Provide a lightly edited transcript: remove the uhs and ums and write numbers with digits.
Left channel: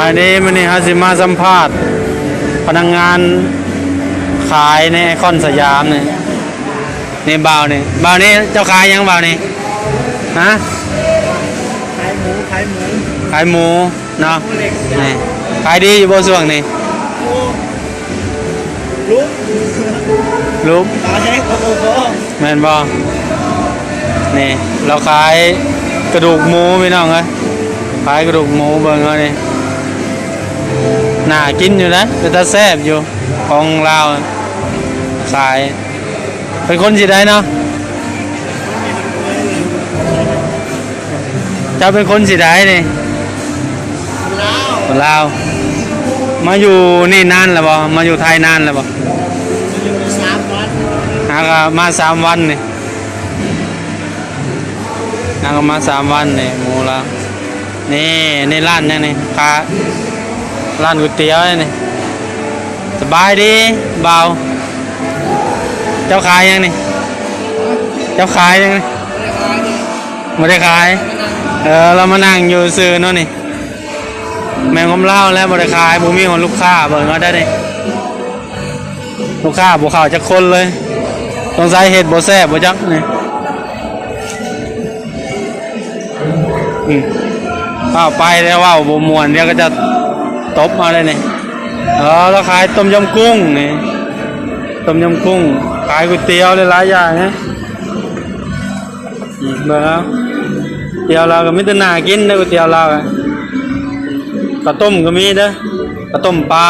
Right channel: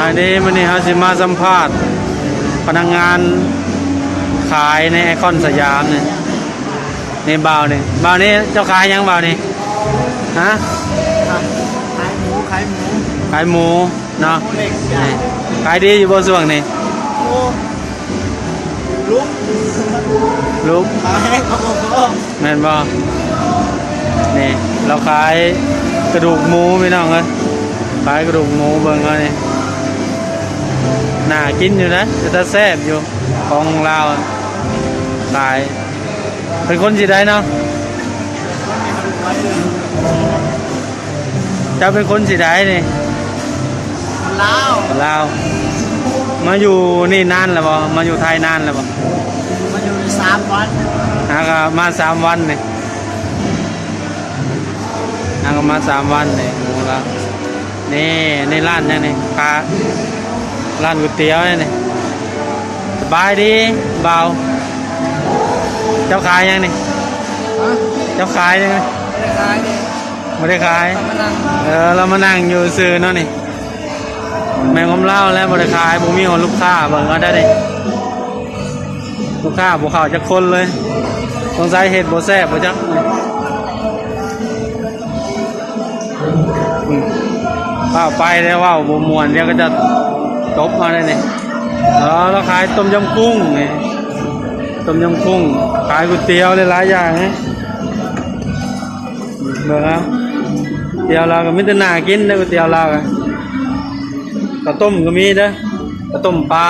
อันนี้มันนี่ฮะสิมาสัมภาษณ์พนักงานขายในไอคอนสยามนี่บ่าวนี่เจ้าขายยังบ่าวนี่ฮะขายหมูขายหมูเนาะนี่ขายดีอยู่บ่ส่วงนี่ลุกขายให้พ่อแม่นบ่นี่เราขายกระดูกหมูพี่น้องเอ้ยขายกระดูกหมูเบิ่งเอานี่น่ากินอยู่นะแต่แซ่บอยู่ของเราสายเป็นคนสิได้เนาะจะเป็นคนสิได้นี่ลาวมาอยู่นี่นานแล้วบ่มาอยู่ไทยนานแล้วบ่มาอยู่3 วันมา3 วันนี่ก็มา3 วันนี่หมูละนี่ร้านนี่ร้านก๋วยเตี๋ยวนี่สบายดีเบาเจ้าขายยังนี่เจ้าขายยังไม่ได้ขายเรามานั่งอยู่ซื้อเนาะนี่แม่งผมเล่าแล้วไม่ได้ขายผมมีคนลูกค้าเบิ่งก็ได้เลยลูกค้าบุกข่าวจะคนเลยต้องใส่เห็ดโบแซ่บโบจักนี่เข้าไปแล้วว่าโบมวนเดี๋ยวก็จะตบมาเลยนี่เราขายต้มยำกุ้งนี่ต้มยำกุ้งขายก๋วยเตี๋ยวหลายอย่างนะเบิ่งเอาเตี๋ยวเราก็มีแต่น่ากินนะก๋วยเตี๋ยวเราข้าวต้มก็มีเด้อข้าวต้มปลา